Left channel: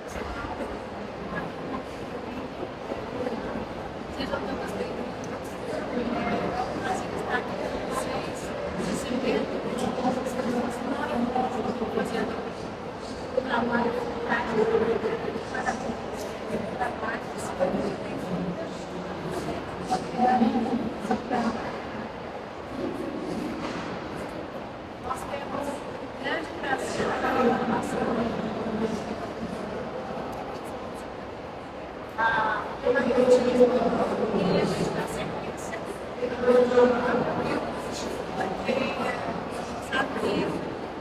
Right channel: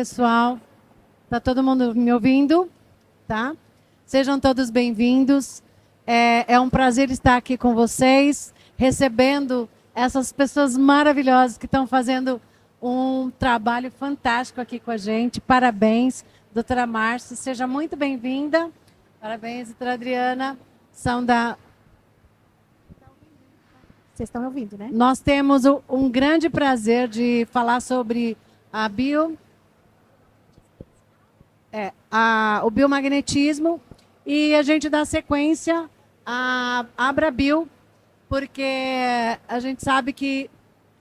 pessoal. Tá todo mundo me ouvindo? Tá? Sejam todos bem-vindos. É um prazer estar aqui com vocês, recebendo essas pessoas maravilhosas que estão fazendo um trabalho fantástico aqui com a gente. Parabéns, doutora Márcia. Seja muito bem-vinda. Parabéns, doutora Adriana. São da... Vocês estão ouvindo, né? Nós temos um grande prazer de falar sobre o biomagnetismo, e a gente dá sequência a Abrabio, porque a gente sabe que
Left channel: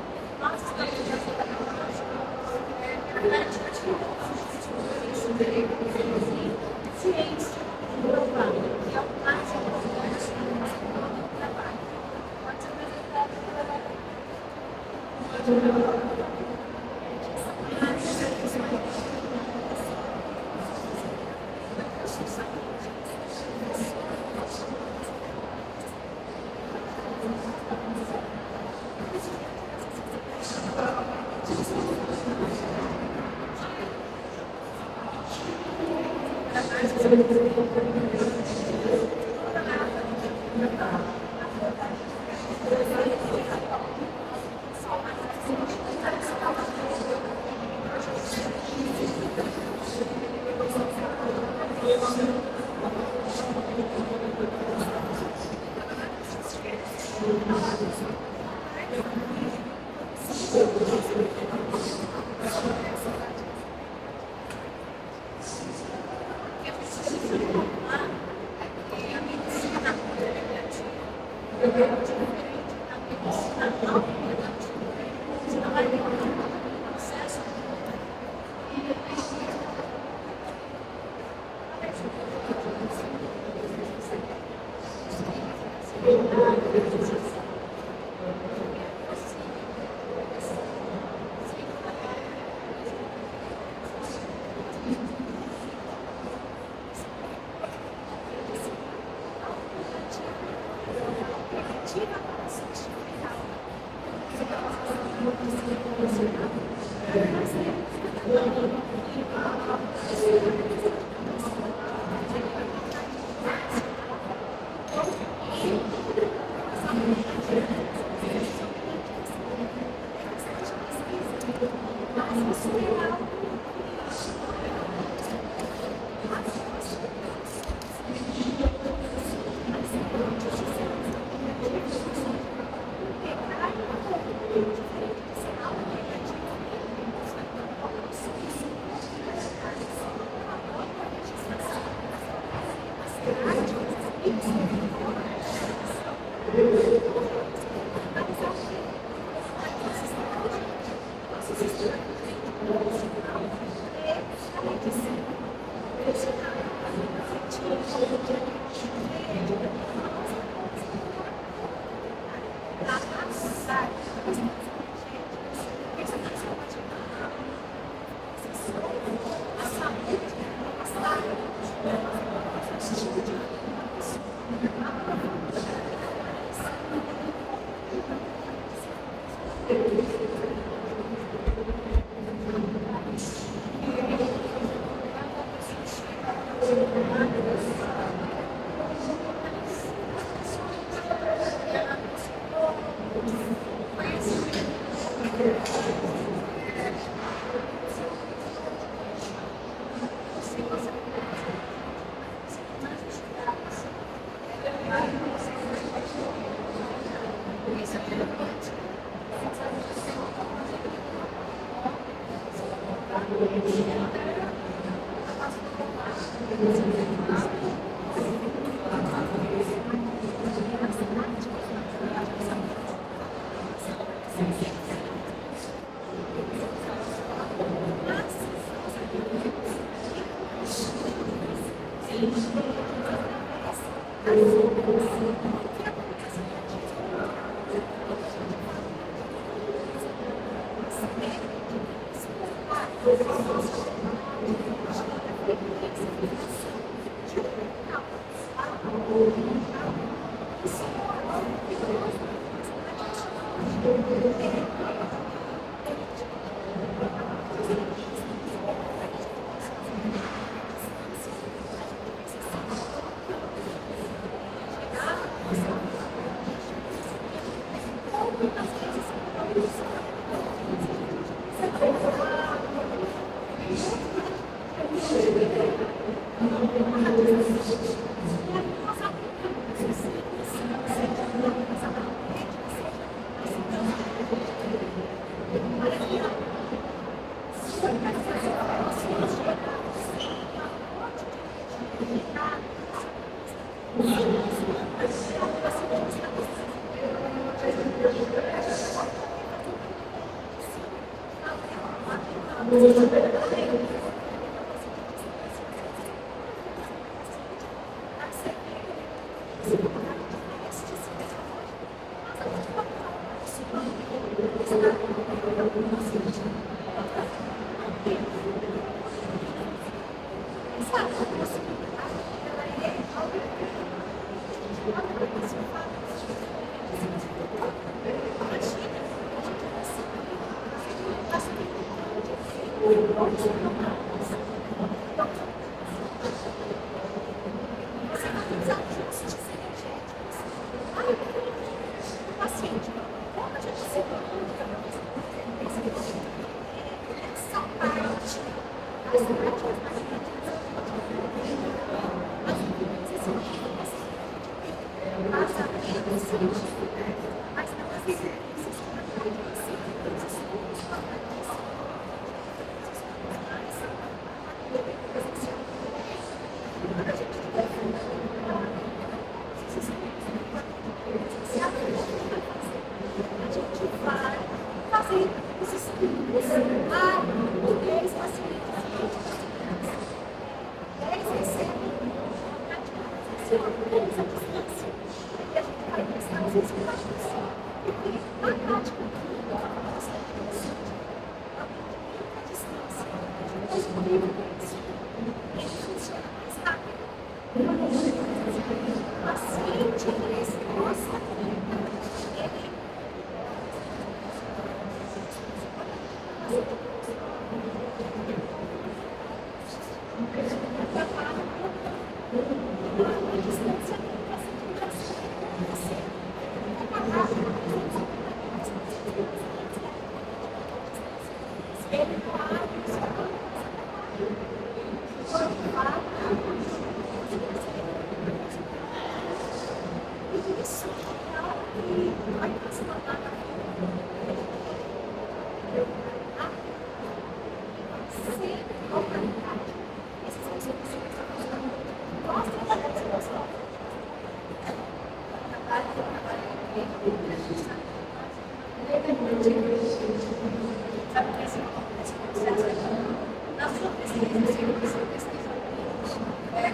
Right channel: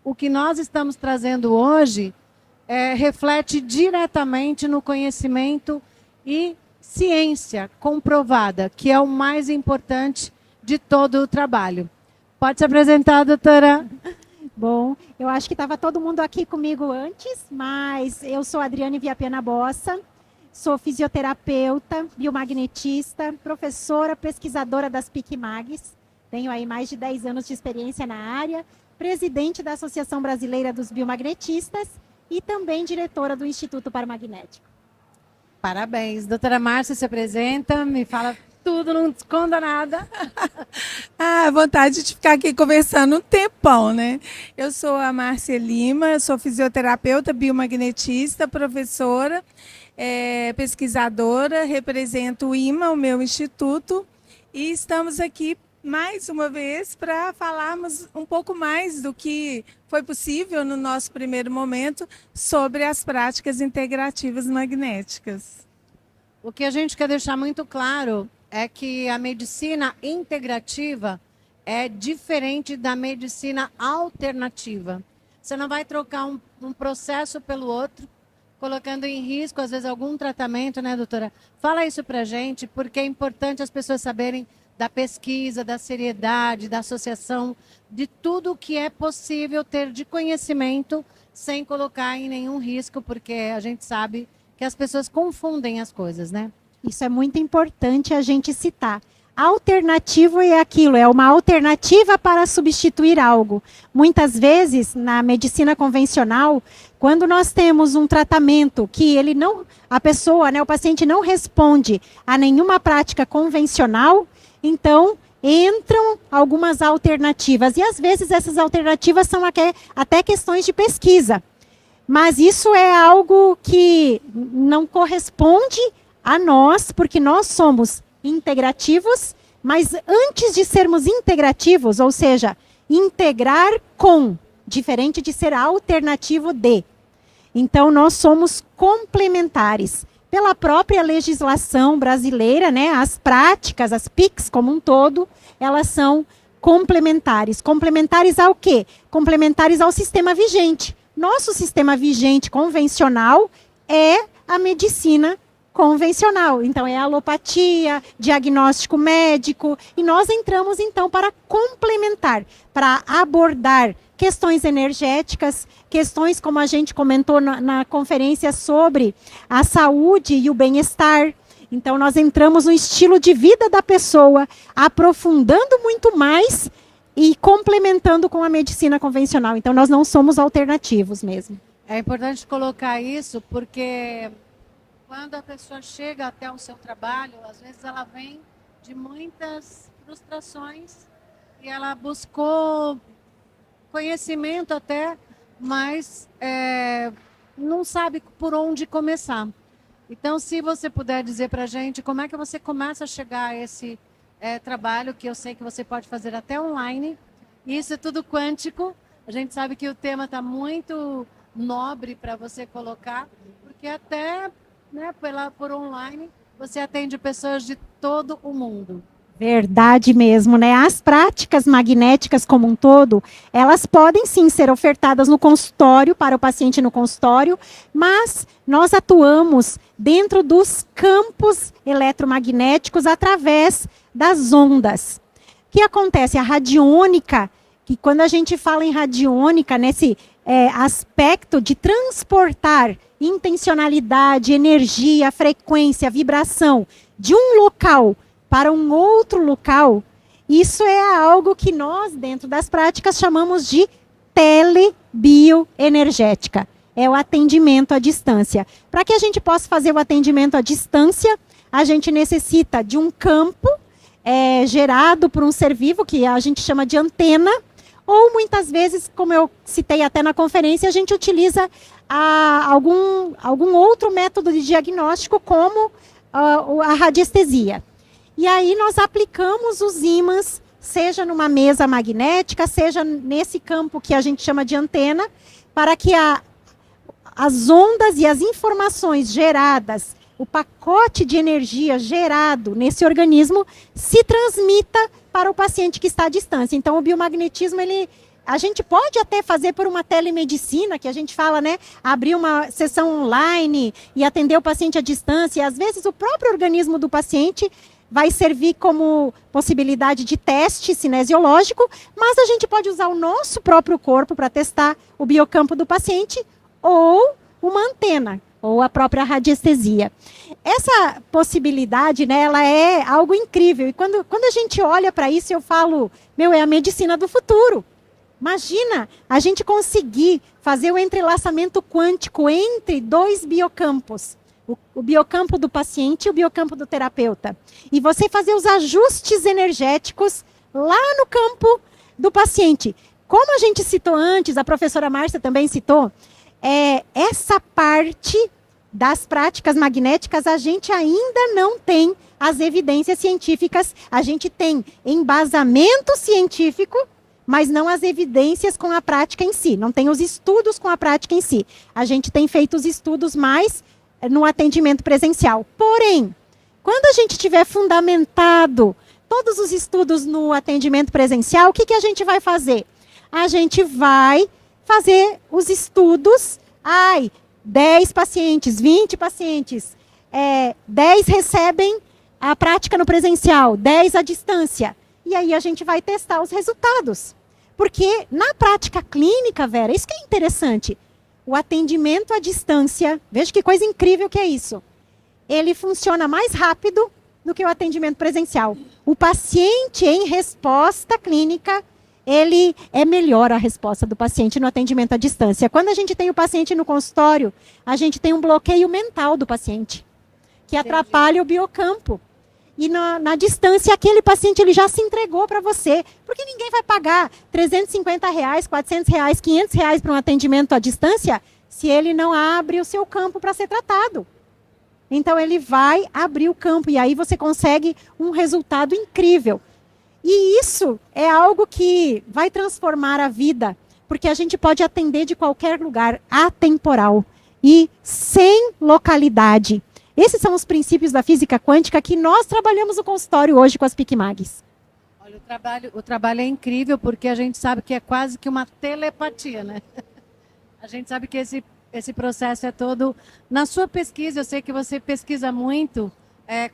o que nós estamos trazendo hoje reflete diretamente no conhecimento e ciência comprovada, que é o mais importante de todo o trabalho. Pode se apresentar, doutora? Bom, eu acho que estava todo mundo aqui comigo antes, mas eu sou Adriane Viapena Bossa, sou fisioterapeuta, biomagnetista, professora, pesquisadora das PIC-MAGs, tenho aí mais de 10 anos de experiência na área, presidente da Associação Brasileira dos Biomagnetistas e também diretora do Instituto Paramagnético. Parabéns. Doutora Márcia se apresenta, me fala tudo, não esconda nada. Vontade de ficar aqui conversando um tempão, né? Eu sou a Márcia Lima, sou fisioterapeuta, biomagnetista, professora, pesquisadora, represento o IMA, o meu instituto, e estamos aqui mais uma vez para falarmos um pouco mais do que foi possível no nosso primeiro momento sobre as práticas integrativas magnéticas. O que a gente quer deixar muito claro é que a medicina integrativa é diferente da medicina alternativa. Você não vai trocar um processo pelo outro, colocando em risco, às vezes, algum tratamento, né, doutora? Fala isso pra gente, porque é importante as pessoas saberem da pesquisa, da seriedade, da associação, de tudo que é possível ter de conhecimento sem colocar em nenhum risco, porque a gente sabe que as pessoas confundem as coisas, né? Isso é muito importante a gente citar. Alternativo é aquilo, é uma alternativa para substituir algo. Muitas vezes, na medicina convencional, quando nós temos um tratamento que a pessoa, né, o paciente não responde a nenhuma prática convencional, então entram algumas alternativas. E às vezes essas alternativas são até questões de pesquisa. Mas isso é algo que não corresponde a nós, porque nós somos integrativos, mas antes de sermos integrativos, ou seja, integrar com, diferente de ser alternativo de. Então, nós somos complementares. Pela própria legislação brasileira, né, as práticas, as PICs como um todo, elas são complementares. Complementares ao quê? Complementares ao sistema vigente. Nosso sistema vigente convencional é a medicina convencional. Então, é a alopatia, diagnóstico médico, e nós entramos, então, para complementar, para abordar questões energéticas, questões como a gente comentou na conferência sobre a saúde e o bem-estar. Então, nós entramos no estilo de vida da pessoa, aprofundando muito mais e complementando com a medicina convencional. Então, nós não somos alternativos mesmo. É importante colocar isso porque quando a pessoa chega até o seu trabalho, às vezes ela vem de muitas frustrações e ela buscou conhecimento até, mas não sabe por onde começar. Então, se você puder dizer pra gente como é que você começa a chegar a esse trabalho, que eu sei que você pode fazer até online. Isso é tudo quântico. A gente sabe que o tema está muito nobre para você colocar, e até por online você atende pessoas de todo o mundo. Verdade mesmo, né? As práticas magnéticas como um todo, elas podem sim ser ofertadas no consultório, para o paciente no consultório, mas nós atuamos dentro dos campos eletromagnéticos através das ondas. O que acontece? A radiônica, e quando a gente fala em radiônica, nesse aspecto de transportar intencionalidade, energia, frequência, vibração de um local para um outro local, isso é algo que nós, dentro das práticas, chamamos de telebioenergética. é o atendimento à distância. Para que a gente possa fazer o atendimento à distância, a gente necessita de um campo gerado por um ser vivo, que a gente chama de antena, ou muitas vezes, como eu citei até na conferência, a gente utiliza algum outro método de diagnóstico, como a radiestesia. E aí nós aplicamos os ímãs, seja numa mesa magnética, seja nesse campo que a gente chama de antena, para que as ondas e as informações geradas, o pacote de energia gerado nesse organismo se transmita para o paciente que está à distância. Então, o biomagnetismo, a gente pode até fazer por uma telemedicina, que a gente fala, né? Abrir uma sessão online e atender o paciente à distância. E, às vezes, o próprio organismo do paciente vai servir como possibilidade de teste cinesiológico, mas a gente pode usar o nosso próprio corpo para testar o biocampo do paciente, ou uma antena, ou a própria radiestesia. Essa possibilidade, né, ela é algo incrível. E quando a gente olha para isso, eu falo, é a medicina do futuro. Imagina a gente conseguir fazer o entrelaçamento quântico entre dois biocampos. O biocampo do paciente e o biocampo do terapeuta. E você fazer os ajustes energéticos lá no campo do paciente. Como a gente citou antes, a professora Márcia também citou, essa parte das práticas magnéticas a gente ainda não tem as evidências científicas. A gente tem embasamento científico, mas não as evidências com a prática em si. Não tem os estudos com a prática em si. A gente tem feito os estudos mais no atendimento presencial. Porém, quando a gente tiver fundamentado todos os estudos no atendimento presencial, o que a gente vai fazer? A gente vai fazer os estudos, 10 pacientes, 20 pacientes, 10 recebem a prática no presencial, 10 à distância. E aí a gente vai testar os resultados. Porque na prática clínica, Vera, isso que é interessante, o atendimento à distância, veja que coisa incrível que é isso, ele funciona mais rápido do que o atendimento presencial. O paciente em resposta clínica, ele é melhor a resposta do paciente no atendimento à distância. Quando a gente tem o paciente no consultório, a gente tem um bloqueio mental do paciente, que atrapalha o biocampo. E na distância, aquele paciente ele já se entregou para você. Porque ninguém vai pagar R$350, R$400, R$500 para um atendimento à distância se ele não abre o seu campo para ser tratado. Então, ele vai abrir o campo e aí você consegue um resultado incrível. E isso é algo que vai transformar a vida, porque a gente pode atender de qualquer lugar, atemporal e sem localidade. Esses são os princípios da física quântica que nós trabalhamos no consultório hoje com as PICMAGs. O trabalho é incrível porque a gente sabe que é quase que uma telepatia, né? A gente sabe que esse processo é todo... Na sua pesquisa, eu sei que você pesquisa muito,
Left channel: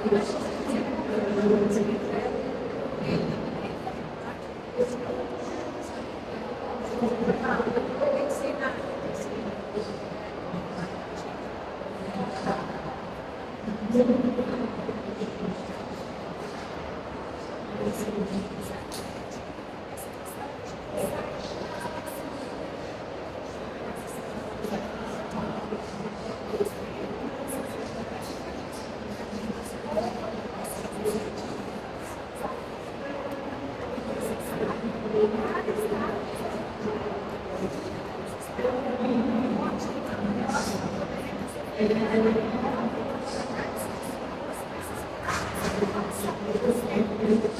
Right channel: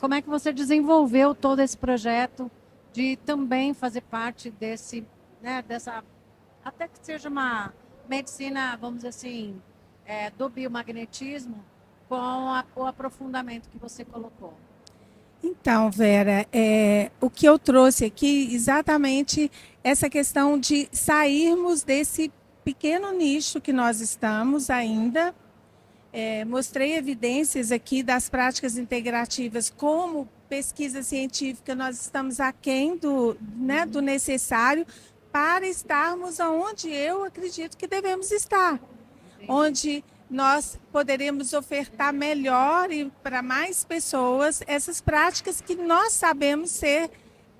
como é que você desenvolveu todo esse projeto de também fazer parte desse, né, até que seja uma medicina, vamos dizer assim, do biomagnetismo, com o aprofundamento do você. Então, Vera, o que eu trouxe aqui, exatamente essa questão de sairmos desse pequeno nicho que nós estamos ainda. Mostrei evidências aqui das práticas integrativas, como pesquisa científica nós estamos aquém do necessário para estarmos onde eu acredito que devemos estar, onde nós poderemos ofertar melhor e para mais pessoas essas práticas que nós sabemos ser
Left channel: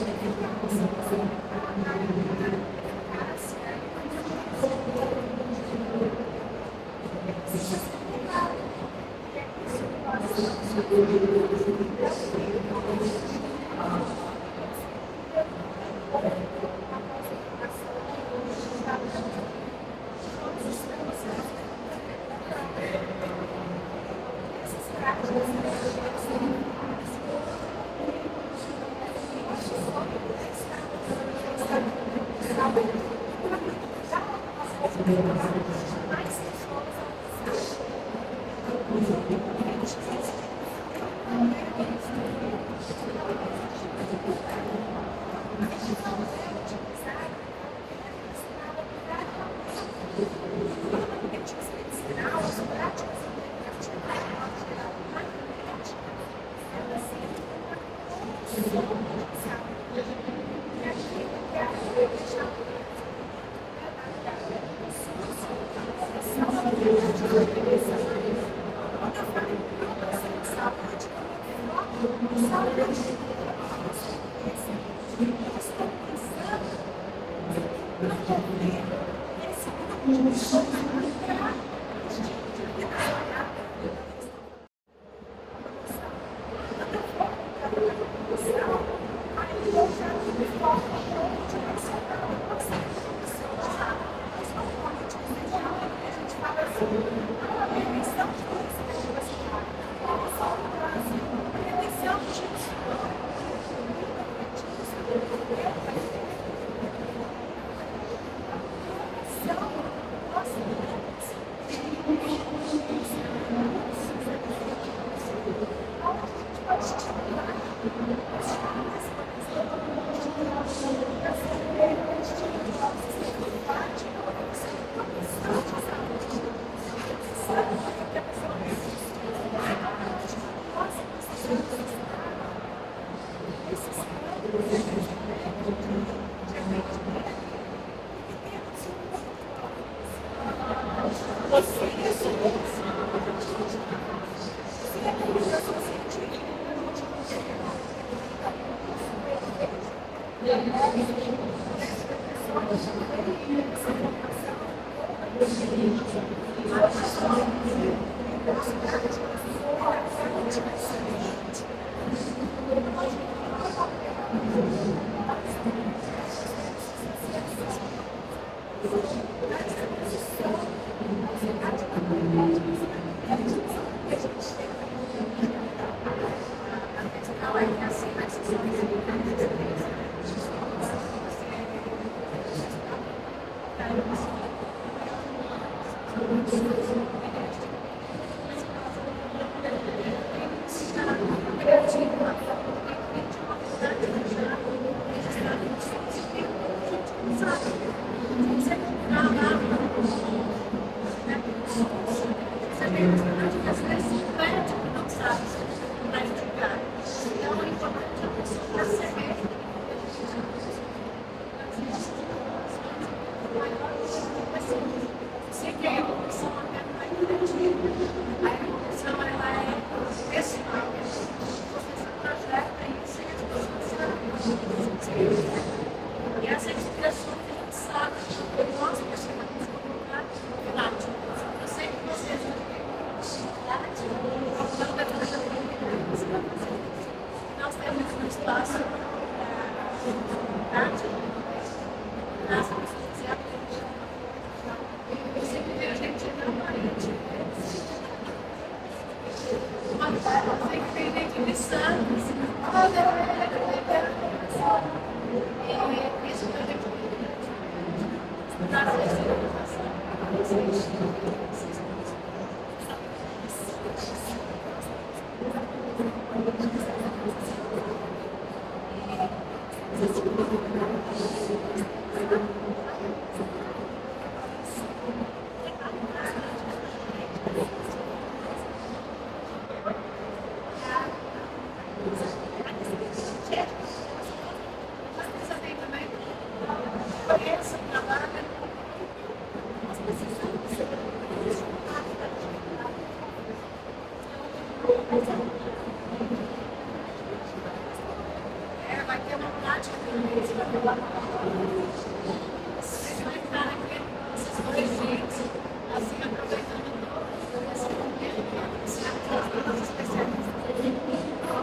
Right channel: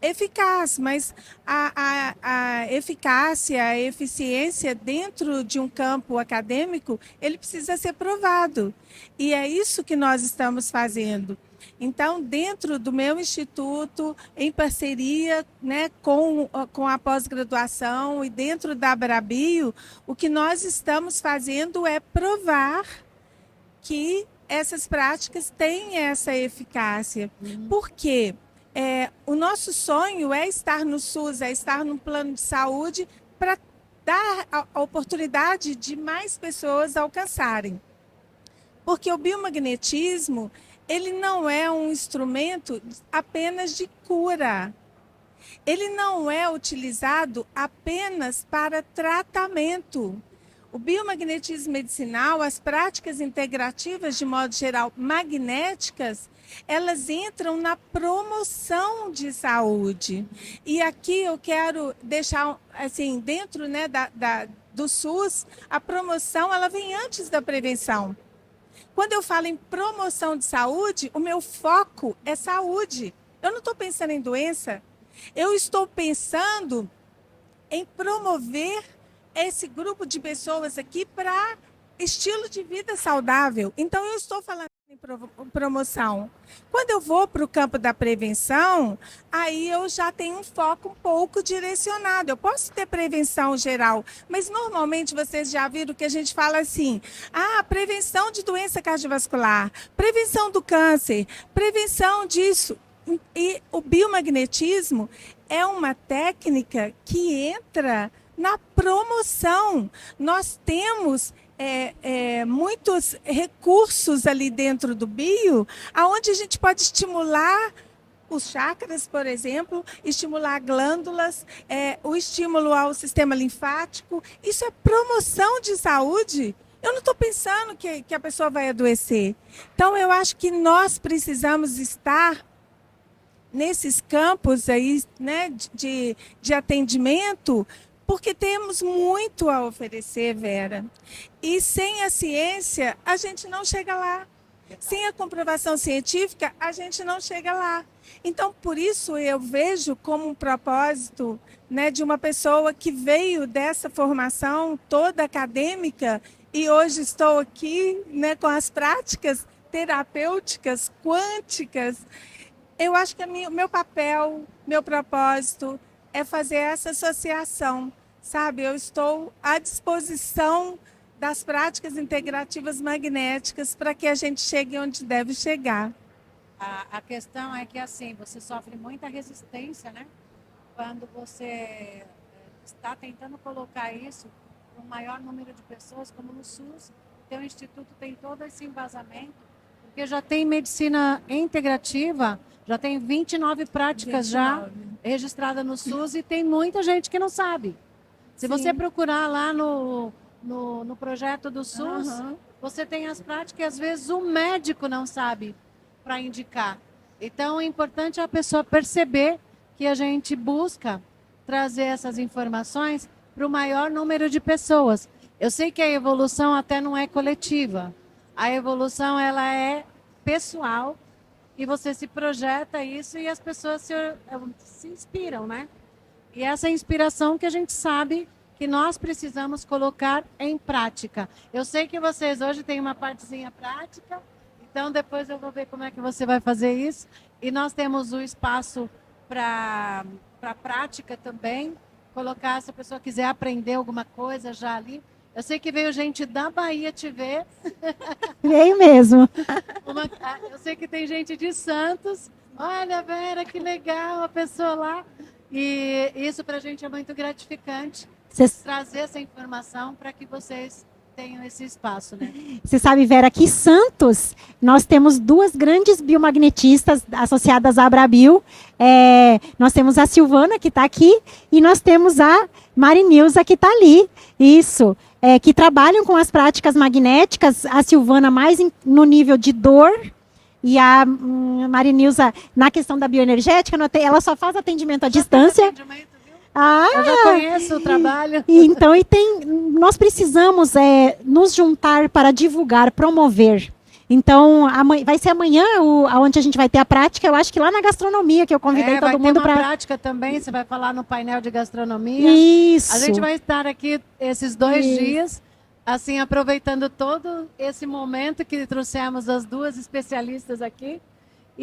eficazes, mas a eficácia, a eficiência dentro de um campo acadêmico, ele precisa ser provado. E é isso que nós estamos fazendo. Então, dentro do meu instituto, em parceria, né, com a pós-graduação e dentro da Abrabio, o que nós estamos fazendo é provar que essas práticas têm essa eficácia. Por quê? O nosso sonho é estar no SUS, é estar no plano de saúde para dar a oportunidade de mais pessoas alcançarem. Porque o biomagnetismo, ele não é um instrumento apenas de cura. Ele não é utilizado apenas para tratamento. biomagnetismo medicinal, as práticas integrativas, de modo geral, magnéticas, elas entram na promoção de saúde. E aqui eu quero deixar, assim, dentro, né, do SUS, a promoção, ela vem antes da prevenção. Quando eu falo em promoção de saúde, o meu foco é saúde. Eu não estou pensando em doença, eu estou pensando em promover esse grupo de pessoas aqui para estilo de vida saudável. Então, eu estou falando em promoção. Quando eu vou para o campo da prevenção, aí eu já tenho um foco um pouco direcionado. Eu posso ter prevenção geral, mas normalmente vocês já viram que a gente fala assim, prevenção de doença cardiovascular, prevenção do câncer, prevenção disso. E o biomagnetismo é uma técnica que entra na promoção. Nós temos muitos recursos ali dentro do bio, aonde a gente pode estimular os chakras, por exemplo, estimular glândulas, o estímulo ao sistema linfático. Isso é promoção de saúde. Eu não estou pensando que a pessoa vai adoecer. Então, eu acho que nós precisamos estar nesses campos aí, né, de atendimento, porque temos muito a oferecer, Vera. E sem a ciência, a gente não chega lá. Sem a comprovação científica, a gente não chega lá. Então, por isso, eu vejo como um propósito, né, de uma pessoa que veio dessa formação toda acadêmica e hoje estou aqui, né, com as práticas terapêuticas quânticas. Eu acho que o meu papel, meu propósito é fazer essa associação, sabe? Eu estou à disposição das práticas integrativas magnéticas para que a gente chegue onde deve chegar. A questão é que, assim, você sofre muita resistência, né? Quando você está tentando colocar isso no maior número de pessoas possível, tem todo esse embasamento, porque já tem medicina integrativa, já tem 29 práticas já registrada no SUS e tem muita gente que não sabe. Se você procurar lá no projeto do SUS, você tem as práticas que às vezes o médico não sabe para indicar. Então é importante a pessoa perceber que a gente busca trazer essas informações para o maior número de pessoas. Eu sei que a evolução até não é coletiva. A evolução ela é pessoal. E você se projeta isso e as pessoas se inspiram, né? E essa é a inspiração que a gente sabe que nós precisamos colocar em prática. Eu sei que vocês hoje têm uma partezinha prática, então depois eu vou ver como é que você vai fazer isso. E nós temos o espaço para prática também. Colocar, se a pessoa quiser aprender alguma coisa já ali. Eu sei que veio gente da Bahia te ver. Veio mesmo. Eu sei que tem gente de Santos. Olha, Vera, que legal a pessoa lá. E isso pra gente é muito gratificante. Trazer essa informação para que vocês tenham esse espaço. Você sabe, Vera, aqui em Santos, nós temos duas grandes biomagnetistas associadas à Abrabio. Nós temos a Silvana, que está aqui, e nós temos a Marinilza, que está ali. Isso. Que trabalham com as práticas magnéticas. A Silvana mais no nível de dor e a Marinilza na questão da bioenergética. Ela só faz atendimento à distância. Eu já conheço o trabalho. Então, nós precisamos nos juntar para divulgar, promover. Então, vai ser amanhã onde a gente vai ter a prática, eu acho que lá na gastronomia, que eu convidei todo mundo para... Vai ter uma prática também, você vai falar no painel de gastronomia. Isso. A gente vai estar aqui esses 2 dias, assim, aproveitando todo esse momento que trouxemos as duas especialistas aqui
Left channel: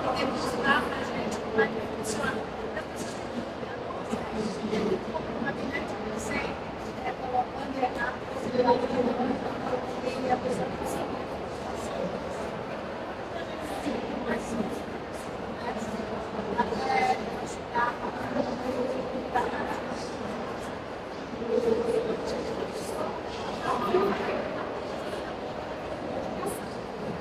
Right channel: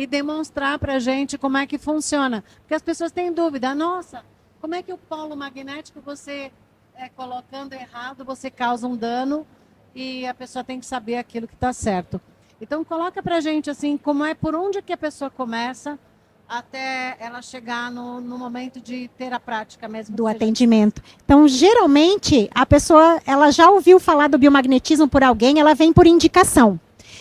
e demonstrar para a gente como é que funciona. Porque as pessoas têm dúvida, nossa, como é que o polo magnético você... colocando errado, você causa um dano e a pessoa tem que saber aquilo que está certo. Então coloca pra gente assim, como é, por onde que a pessoa começa até ela chegar no momento de ter a prática mesmo. Do atendimento. Então, geralmente, a pessoa, ela já ouviu falar do biomagnetismo por alguém, ela vem por indicação.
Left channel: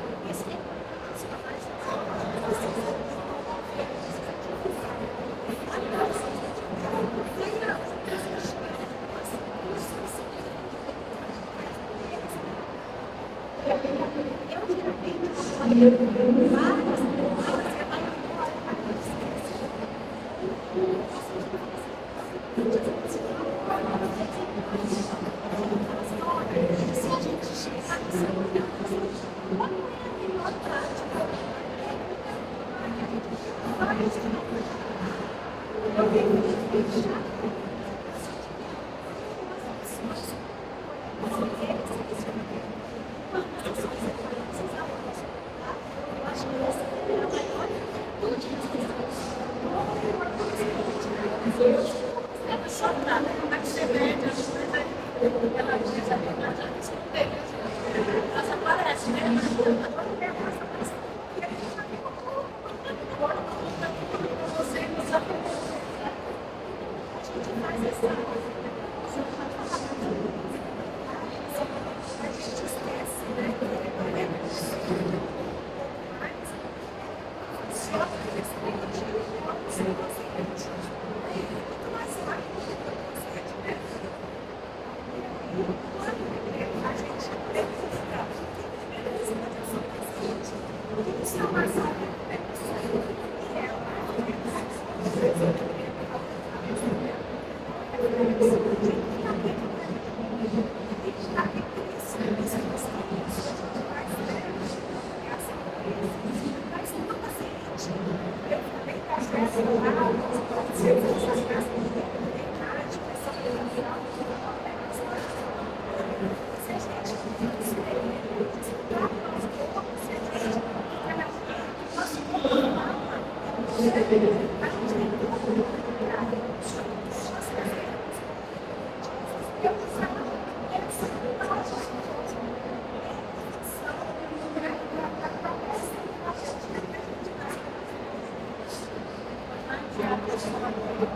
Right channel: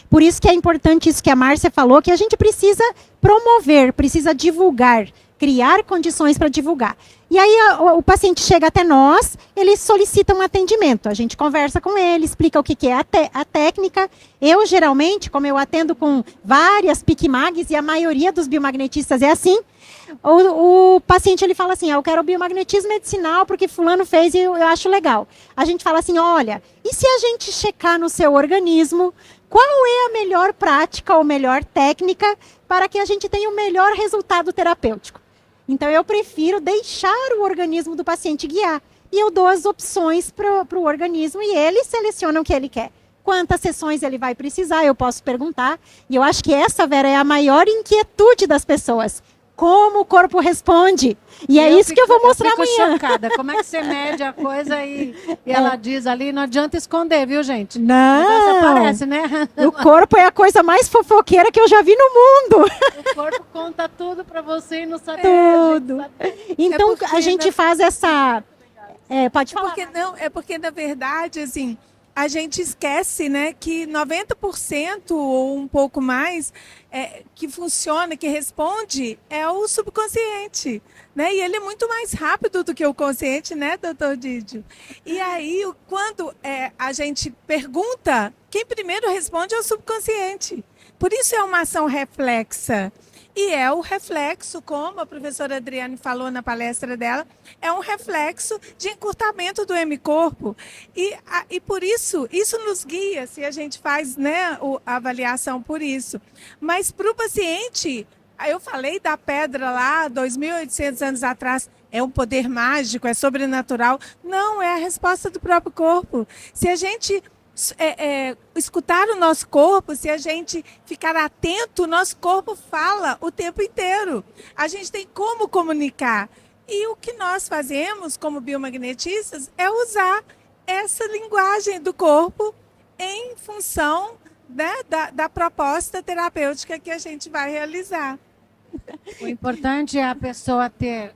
Por isso que é importante isso que a Márcia falou, que a gente precisa promover, precisa divulgar, criar condições para divulgar. E aí o paciente chega até nós, ele solicita um atendimento. A gente conversa com ele, explica o que é a técnica. Eu, geralmente, como eu atendo com várias PICMAGs, e a maioria dos biomagnetistas é assim, o paciente ele fala assim, eu quero biomagnetismo medicinal porque fulano fez e eu acho legal. A gente fala assim, olha, e se a gente checar no seu organismo qual é a melhor prática ou melhor técnica para que a gente tenha o melhor resultado terapêutico? Então, eu prefiro deixar o organismo do paciente guiar. E eu dou as opções para o organismo e ele seleciona o que ele quer. Quantas sessões ele vai precisar, eu posso perguntar. E eu acho que essa, Vera, é a maior inquietude das pessoas. Como o corpo responde. E é isso que eu vou mostrar amanhã. Chocada. Como é que você mede a coisa e ela diz ali, não adianta esconder, viu, gente? Não. Parece, né? O corpo é a coisa mais fofoqueira que eu já vi no mundo. O corpo conta tudo pra você e não sabe. Tudo. Então, porque, a gente faz essa... pode falar. Porque, na verdade, assim, a gente esquece, né, que 90% ou um pouco mais que funciona, que responde, é o subconsciente. Né? E ele é muito mais rápido do que o consciente, né, doutor Didio? E aí, quando a gente pergunta, quem primeiro responde é o subconsciente. Por isso é uma ação reflexa. E é o reflexo, como a professora Adriane falou na palestra dela, é um reflexo de encurtamento do hemicorpo. E por isso nos guia, se a gente faz, né, a avaliação por isso. Mas para o paciente, eu falei da pedra lá, 2.800 anos atrás, é um poder mágico, é sobrenatural. Não, é a resposta do próprio corpo. Se a gente escutar o nosso corpo, se a gente ficar atento, o nosso corpo fala o tempo inteiro. A gente tem como comunicar. E o que nós fazemos como biomagnetistas é usar essa linguagem do corpo em função, né, da proposta terapêutica que a gente vai realizar. O importante é a pessoa ter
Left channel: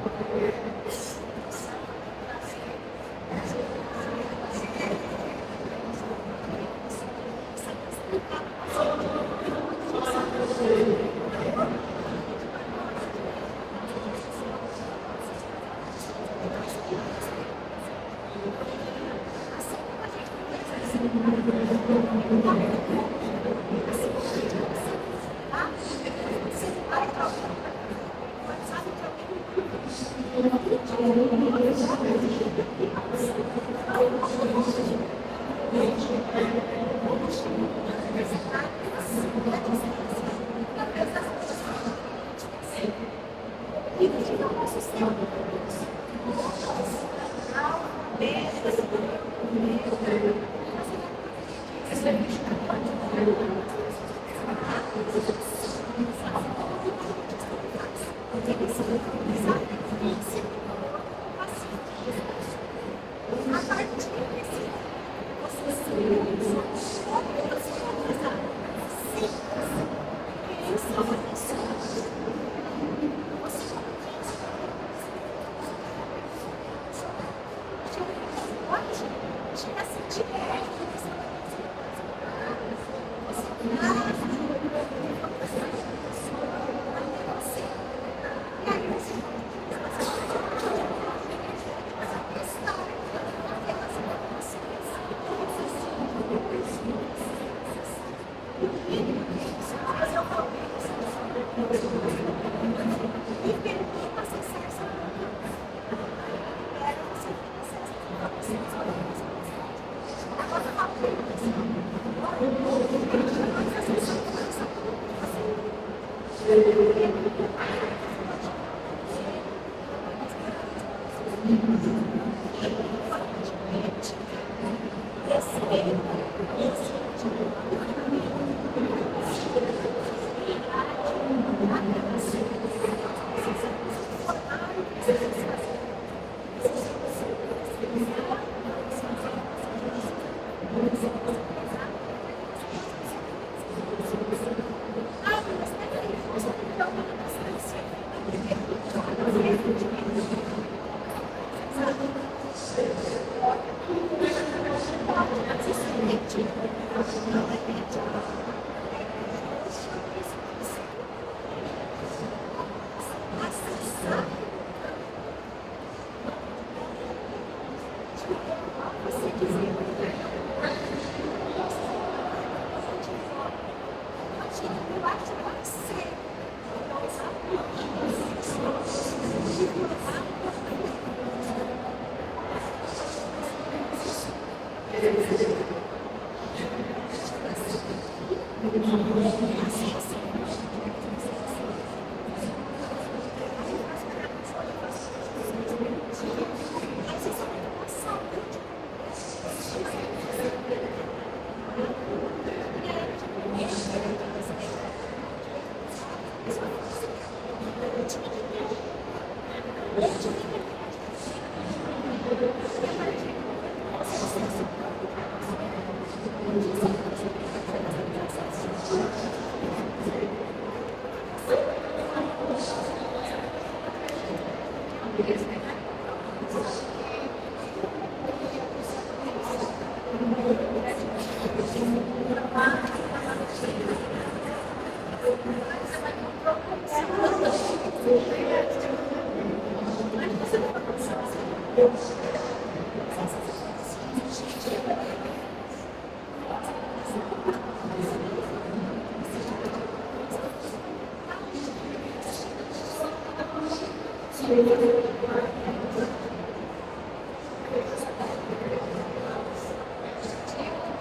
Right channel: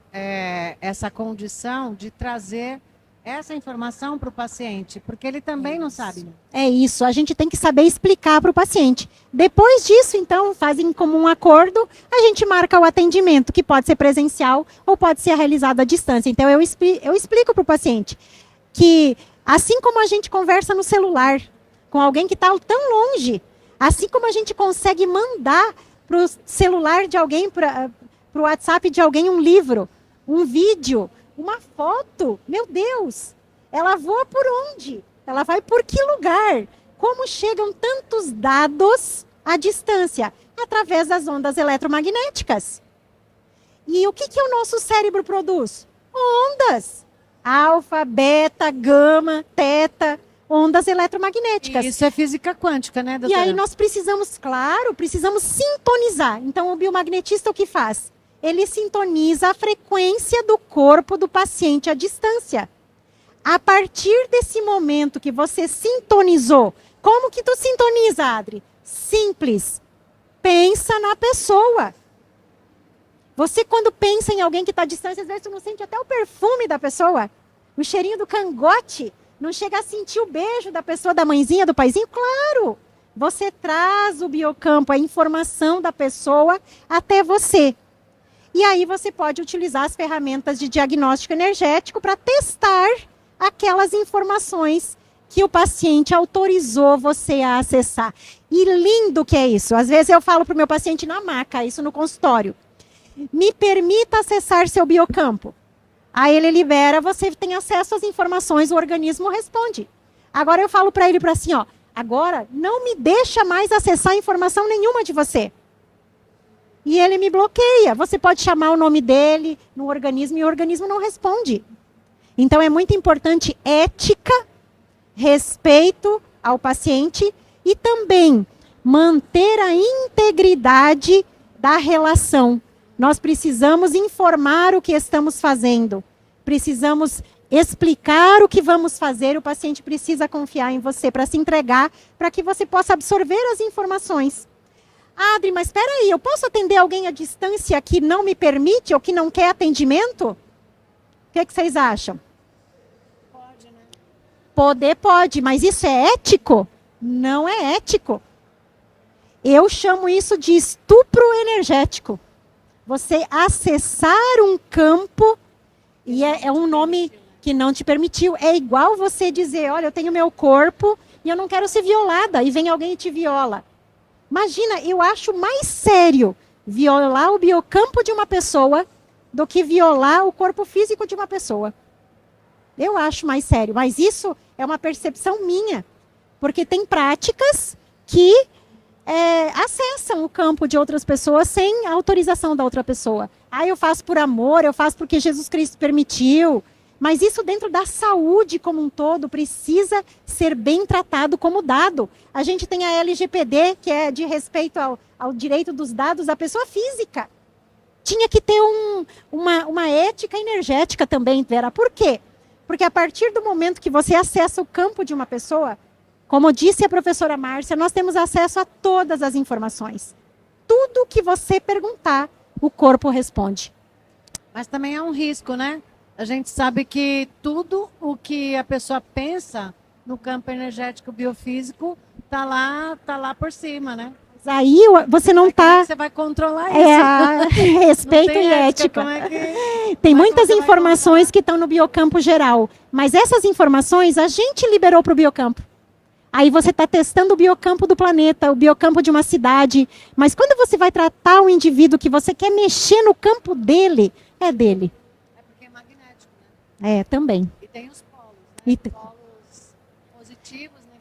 essa condição de trazer essa informação para o paciente, porque ele também não sabe. É isso, a gente tem que saber explicar para o paciente. Depois disso, então, fazem como um acordo, a gente marca o atendimento, que pode ser presencial ou pode ser realizado à distância. Então, eu explico para o paciente que, assim como a gente conversa no celular com alguém que está tão longe, assim como a gente consegue mandar para o celular de alguém, para o WhatsApp de alguém um livro, um vídeo, uma foto, meu Deus, ela voa por onde? Ela vai por que lugar? Como chegam tantos dados à distância? Através das ondas eletromagnéticas. E o que o nosso cérebro produz? Ondas. Alfa, beta, gama, teta, ondas eletromagnéticas. Isso é física quântica, né, doutora? E aí nós precisamos sintonizar. Então, o biomagnetista o que faz? Ele sintoniza a frequência do corpo do paciente à distância. A partir desse momento que você sintonizou, como que tu sintoniza, Adri? Simples. Pensa na pessoa. Você, quando pensa em alguém que está à distância, às vezes você não sente até o perfume da pessoa, o cheirinho do cangote, não chega a sentir o beijo da pessoa, da mãezinha, do paizinho? Claro! Você traz o biocampo, a informação da pessoa até você. E aí você pode utilizar as ferramentas de diagnóstico energético para testar aquelas informações que o paciente autorizou você a acessar. E lindo que é isso. Às vezes eu falo para o meu paciente na maca, isso no consultório. Me permita acessar seu biocampo. Aí ele libera, você tem acesso às informações, o organismo responde. Agora eu falo para ele assim, ó, agora não me deixa mais acessar informação nenhuma de você. E ele me bloqueia. Você pode chamar o nome dele no organismo e o organismo não responde. Então é muito importante ética, respeito ao paciente e também manter a integridade da relação. Nós precisamos informar o que estamos fazendo. Precisamos explicar o que vamos fazer. O paciente precisa confiar em você para se entregar, para que você possa absorver as informações. Adri, mas espera aí, eu posso atender alguém à distância que não me permite ou que não quer atendimento? O que vocês acham? Poder pode, mas isso é ético? Não é ético. Eu chamo isso de estupro energético. Você acessar um campo, e é um nome que não te permitiu. É igual você dizer, olha, eu tenho meu corpo e eu não quero ser violada, e vem alguém e te viola. Imagina, eu acho mais sério violar o biocampo de uma pessoa do que violar o corpo físico de uma pessoa. Eu acho mais sério, mas isso é uma percepção minha, porque tem práticas que acessam o campo de outras pessoas sem autorização da outra pessoa. Ah, eu faço por amor, eu faço porque Jesus Cristo permitiu, mas isso dentro da saúde como um todo precisa ser bem tratado como dado. A gente tem a LGPD, que é de respeito ao direito dos dados da pessoa física. Tinha que ter uma ética energética também, Vera. Por quê? Porque a partir do momento que você acessa o campo de uma pessoa, como disse a professora Márcia, nós temos acesso a todas as informações. Tudo que você perguntar, o corpo responde. Mas também há um risco, né? A gente sabe que tudo o que a pessoa pensa no campo energético biofísico está lá por cima, né? Aí você não está... Você vai controlar isso. Respeito e ética. Tem muitas informações que estão no biocampo geral, mas essas informações a gente liberou para o biocampo. Aí você está testando o biocampo do planeta, o biocampo de uma cidade, mas quando você vai tratar o indivíduo que você quer mexer no campo dele, é dele. Também. E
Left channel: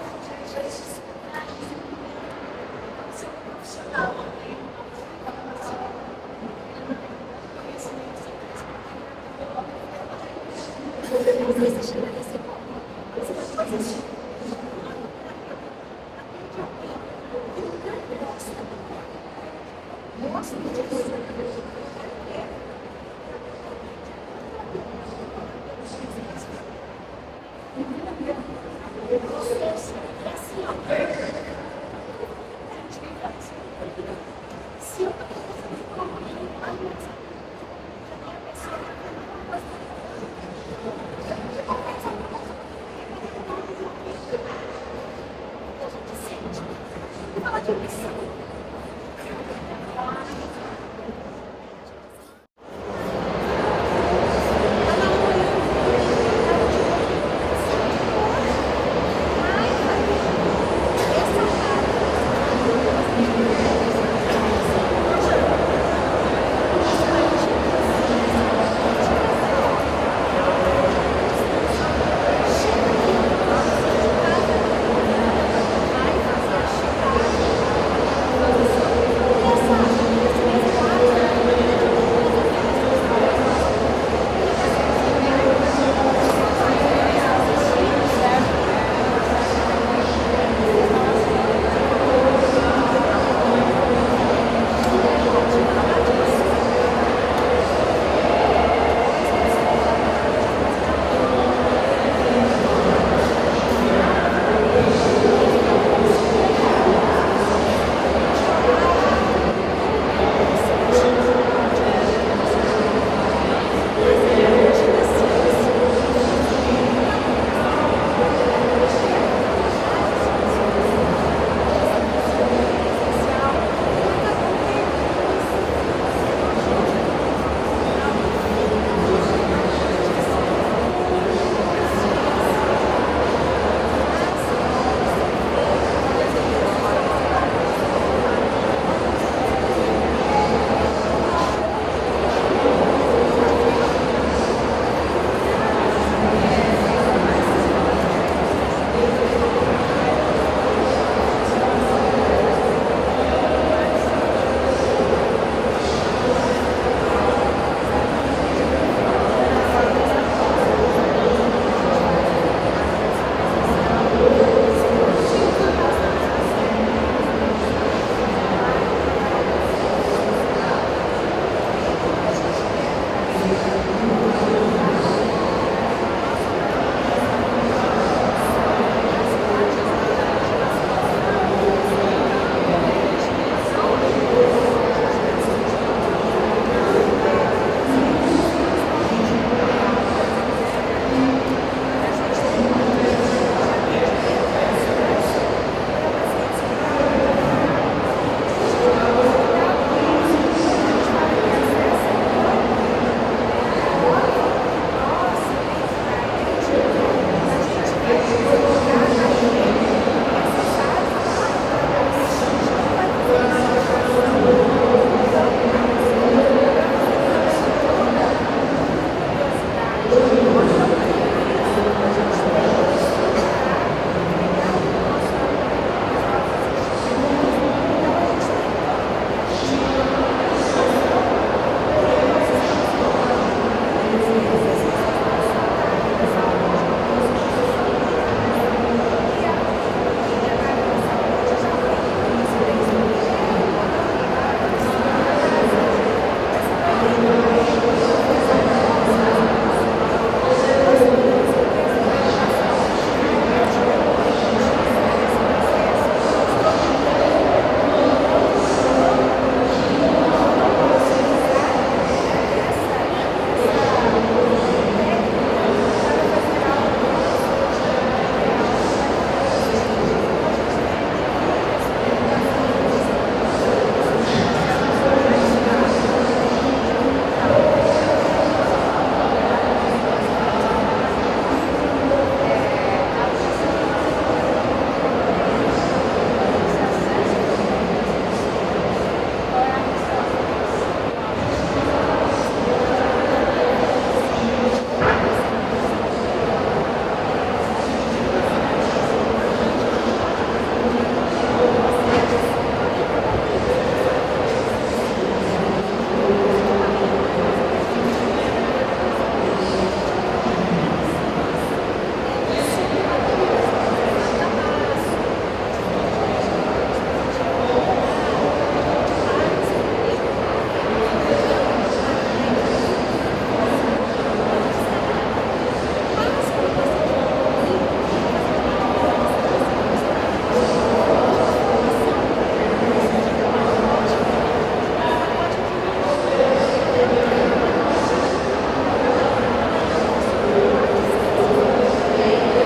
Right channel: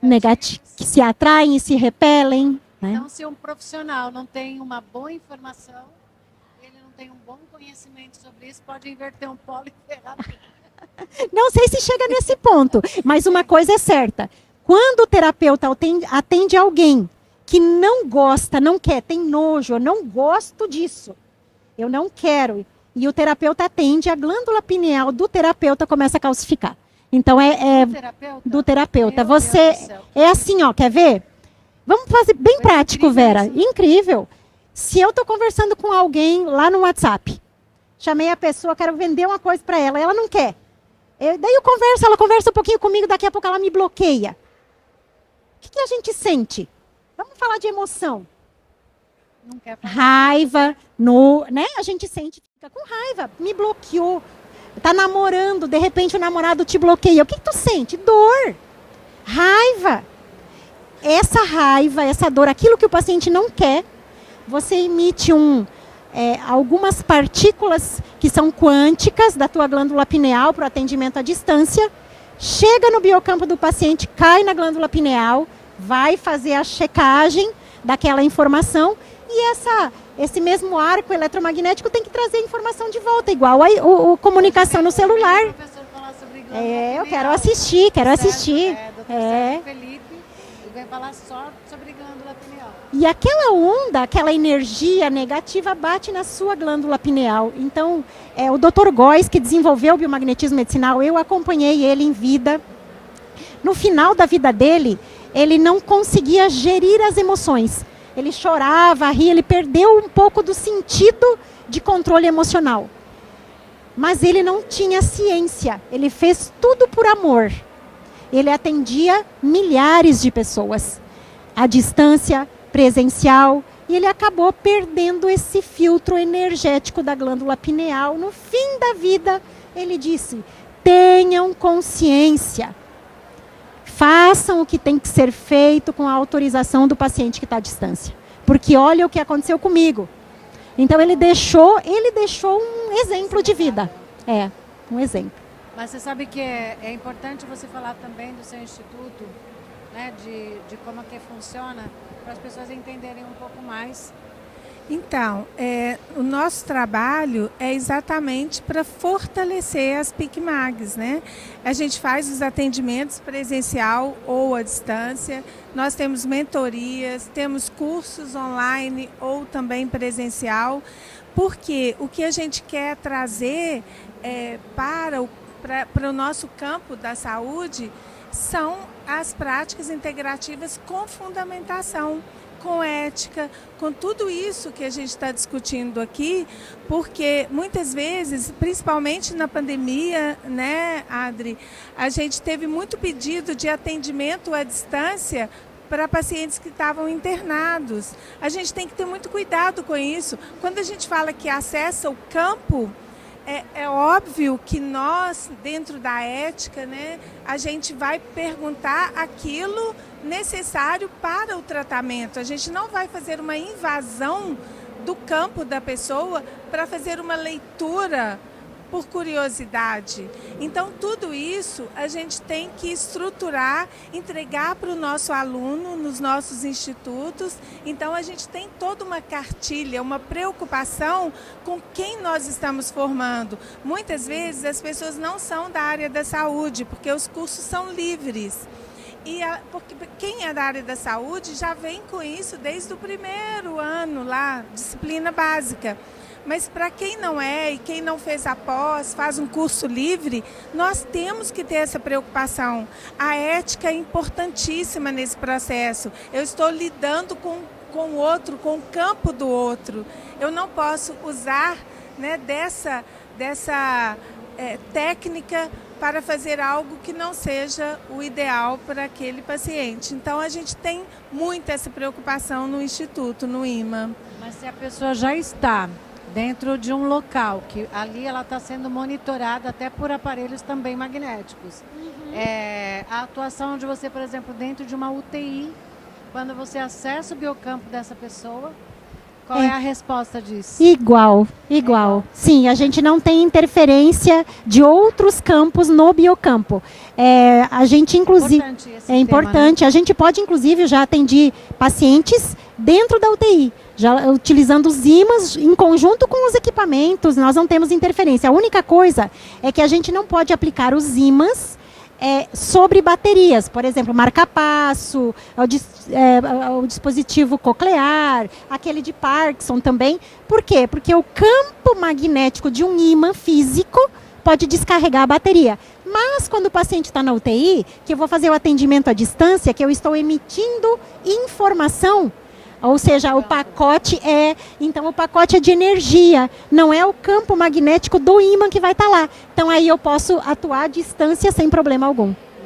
negativo, que se atraem e se repelem. Né? Então, se um profissional não tem uma boa informação, ele não tem um bom conhecimento sobre isso, pode inverter um pouco. Não sei se chega nesse ponto, mas uma coisa é certa. Quando o terapeuta atende alguém que não gosta, não quer, tem nojo, eu não gosto disso, eu não quero, e o terapeuta atende, a glândula pineal do terapeuta começa a calcificar. Então é do terapeuta. Você é assim, ó, quer ver? Vamos fazer bem prático, Vera. Incrível. Se eu estou conversando com alguém lá no WhatsApp, chamei a pessoa, quero vender uma coisa para ela, ela não quer. Daí eu converso, ela conversa um pouquinho comigo, daqui a pouco ela me bloqueia. O que a gente sente? Vamos falar de emoção. Raiva, né? A gente sente, fica com raiva, me bloqueou. Tá namorando, de repente o namorado te bloqueia. O que tu sente? Dor, raiva. Essa raiva, essa dor, aquilo que o paciente não quer, você emite algumas partículas que são quânticas da tua glândula pineal para atendimento à distância, chega no biocampo do paciente, cai na glândula pineal, vai fazer a checagem daquela informação e esse mesmo arco eletromagnético tem que trazer informação de volta, igual a comunicação no celular. Quero assistir. E aquela onda, aquela energia negativa bate na sua glândula pineal. Então, o Dr. Góes, que desenvolveu o biomagnetismo medicinal, eu acompanhei ele em vida. No final da vida dele, ele não conseguia gerir as emoções. Ele chorava, ria, ele perdeu um pouco do sentido de controle emocional. Mas ele não tinha ciência, ele fez tudo por amor. Ele atendia milhares de pessoas. A distância presencial, e ele acabou perdendo esse filtro energético da glândula pineal. No fim da vida, ele disse: tenham consciência, façam o que tem que ser feito com a autorização do paciente que está à distância, porque olha o que aconteceu comigo. Então ele deixou um exemplo de vida. Um exemplo. Cuidado com isso, quando a gente fala que acesso Igual, igual. Sim, a gente não tem interferência de outros campos no biocampo. A gente, inclusive, é importante, a gente pode, inclusive, já atender pacientes dentro da UTI, já utilizando os ímãs em conjunto com os equipamentos, nós não temos interferência. A única coisa é que a gente não pode aplicar os ímãs sobre baterias, por exemplo, marca-passo, o dispositivo coclear, aquele de Parkinson também. Por quê? Porque o campo magnético de um ímã físico pode descarregar a bateria. Mas quando o paciente está na UTI, que eu vou fazer o atendimento à distância, que eu estou emitindo informação, ou seja, o pacote é de energia, não é o campo magnético do ímã que vai estar lá. Então aí eu posso atuar à distância sem problema algum.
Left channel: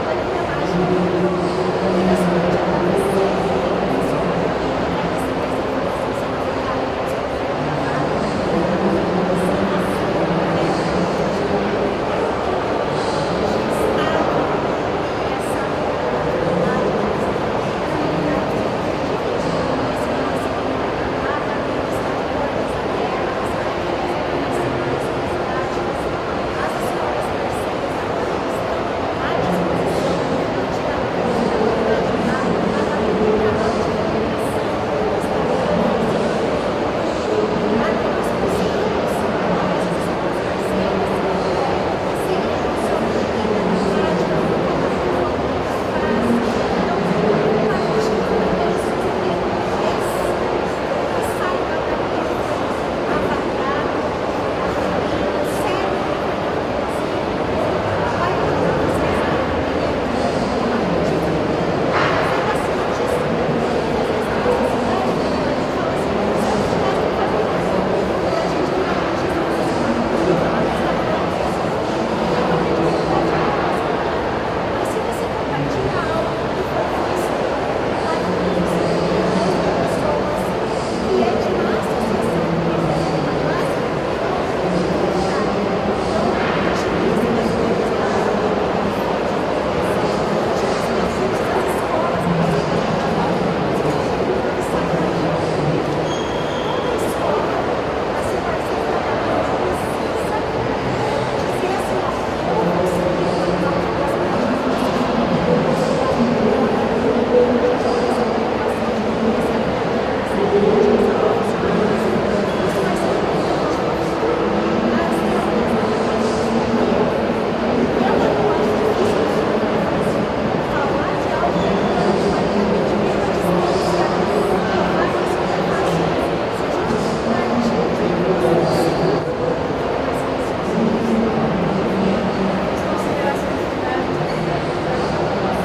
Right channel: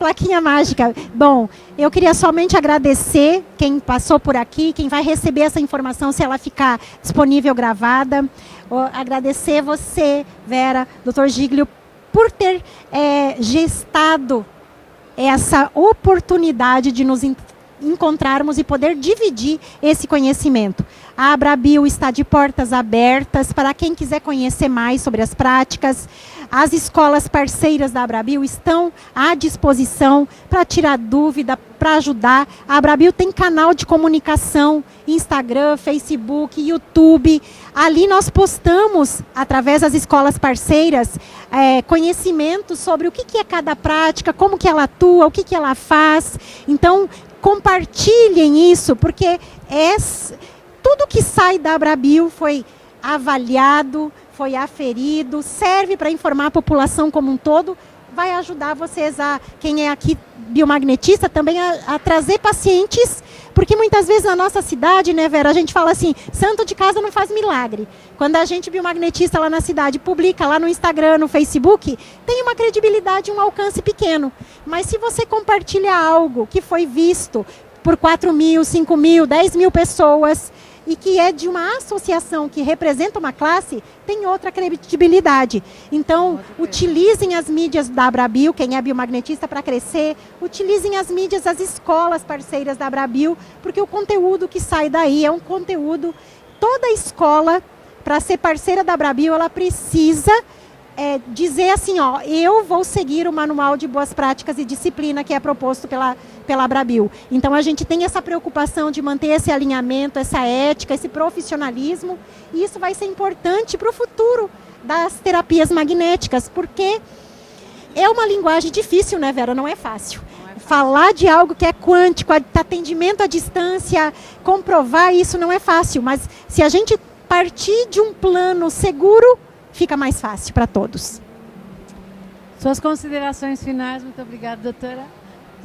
Plaquinha mágica. Bom, eu queria somente agradecer quem passou por aqui, quem vai receber essa informação se ela ficar disponível gravada. Agradecer você, Vera, doutor Giglio, por ter gestado essa oportunidade de nos encontrarmos e poder dividir esse conhecimento. A Abrabio está de portas abertas para quem quiser conhecer mais sobre as práticas. As escolas parceiras da Abrabio estão à disposição para tirar dúvida, para ajudar. A Abrabio tem canal de comunicação, Instagram, Facebook, YouTube. Ali nós postamos, através das escolas parceiras, conhecimento sobre o que é cada prática, como que ela atua, o que ela faz. Então, compartilhem isso, porque tudo que sai da Abrabio foi avaliado, foi aferido, serve para informar a população como um todo, vai ajudar vocês, quem é aqui biomagnetista, também a trazer pacientes, porque muitas vezes na nossa cidade, né, Vera, a gente fala assim, santo de casa não faz milagre. Quando a gente biomagnetista lá na cidade publica lá no Instagram, no Facebook, tem uma credibilidade, um alcance pequeno. Mas se você compartilha algo que foi visto por 4.000, 5.000, 10.000 pessoas e que é de uma associação que representa uma classe, tem outra credibilidade. Então, utilizem as mídias da Abrabio, quem é biomagnetista, para crescer. Utilizem as mídias das escolas parceiras da Abrabio, porque o conteúdo que sai daí é um conteúdo. Toda escola, para ser parceira da Abrabio, ela precisa dizer assim, ó, eu vou seguir o manual de boas práticas e disciplina que é proposto pela Abrabio. Então a gente tem essa preocupação de manter esse alinhamento, essa ética, esse profissionalismo, e isso vai ser importante para o futuro das terapias magnéticas, porque é uma linguagem difícil, né, Vera? Não é fácil. Falar de algo que é quântico, atendimento à distância, comprovar isso não é fácil, mas se a gente partir de um plano seguro, fica mais fácil para todos. Suas considerações finais, muito obrigada, doutora.